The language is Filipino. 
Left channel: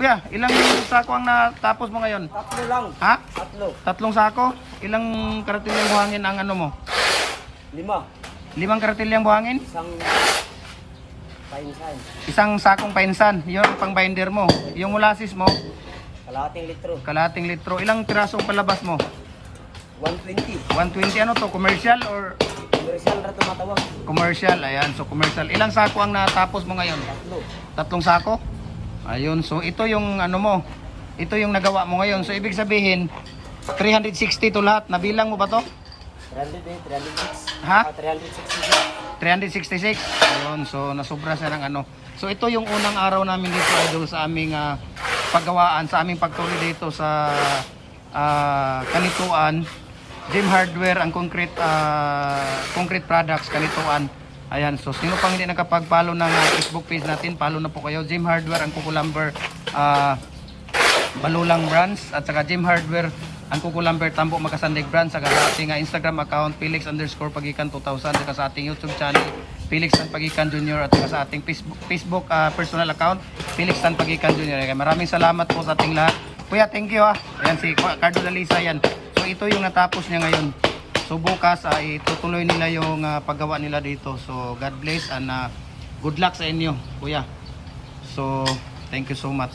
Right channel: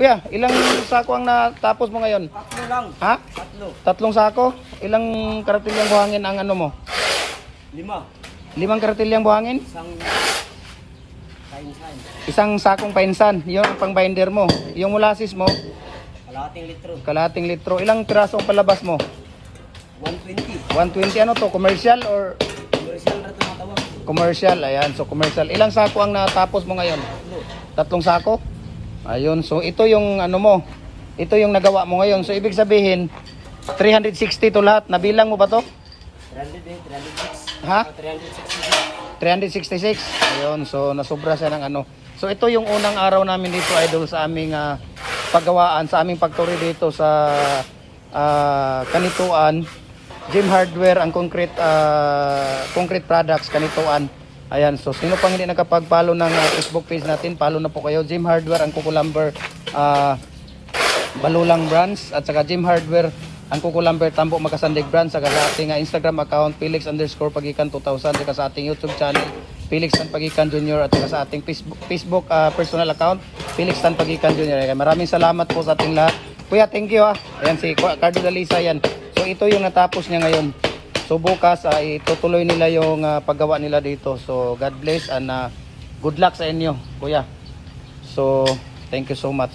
Kuya, ilang sako ang natapos mo ngayon? Tatlo lang. Ha? Tatlo. Tatlong sako? Ilang karatilyang buhangin ang ano mo? Lima. Limang karatilyang buhangin? Isang kain-kain. Isang sakong painsan. Yun ang pang binder mo. Yung molasses mo, Kalahating litro. kalahating litro. Ilang piraso ang palabas mo? 120. 120 ano to? Commercial or Commercial na tumatawag. commercial? Ayan, so commercial. Ilang sako ang natapos mo ngayon? Tatlo. Tatlong sako? Ayun, so ito yung ano mo. Ito yung nagawa mo ngayon. So ibig sabihin, 360 to lahat. Nabilang mo ba to? 300 eh, 306. Ha? Ah, 366. 366. Ayun, so nasobra siya ng ano. So ito yung unang araw namin dito idol sa aming ah, paggawaan, sa aming pagtuloy dito sa ah, Kanituan. Gym Hardware and Concrete ah, Concrete Products Kanituan. Ayan, so sino pang hindi nakapag-follow ng ah, Facebook page natin, follow na po kayo. Gym Hardware and Kukulamber ah, Balulang Brands at saka Gym Hardware ang Kukulamber Tambo Makasandig Brands saka sa ating ah, Instagram account Felix underscore Pagikan 2000 saka sa ating YouTube channel Felix Tan Pagikan Jr. at sa ating Facebook, Facebook ah, personal account Felix Tan Pagikan Jr. Kaya Maraming salamat po sa ating lahat Kuya thank you ha Ayan si Cardo Dalisa yan So ito yung natapos niya ngayon So bukas ay itutuloy nila yung ah, paggawa nila dito. So God bless and ah, good luck sa inyo Kuya. So thank you so much